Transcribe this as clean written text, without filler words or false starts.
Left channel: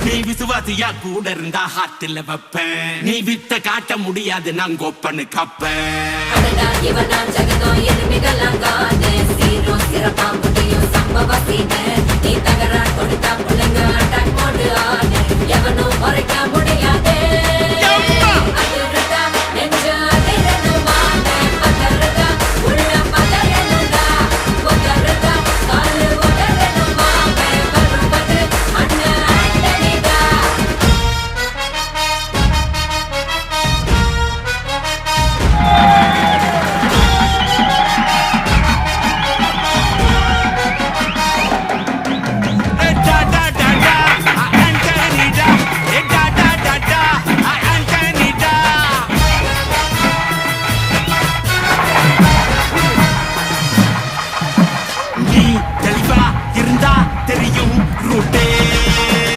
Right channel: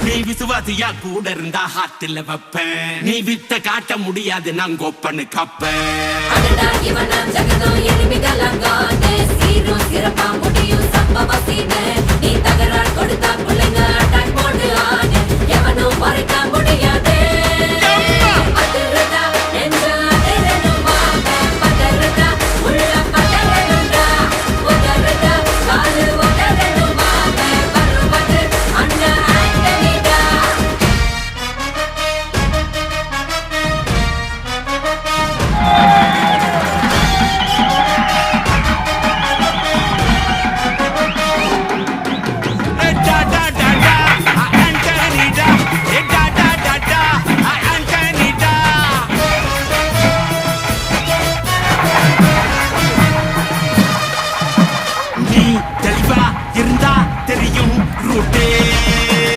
நீ விசுவாசியா கூட இருந்தா ஹார்ட்ல வைப்பேன். நீ வித்த காட்ட முடியாது நான் கொப்பனு கப்பேன். சீரும் சிறப்பா முடியும் சம்பவ சீனு. நீ தகராறு கொடுத்தா பிள்ளைங்க அட்டாக் போடு ஆடு. எவனும் மறைக்க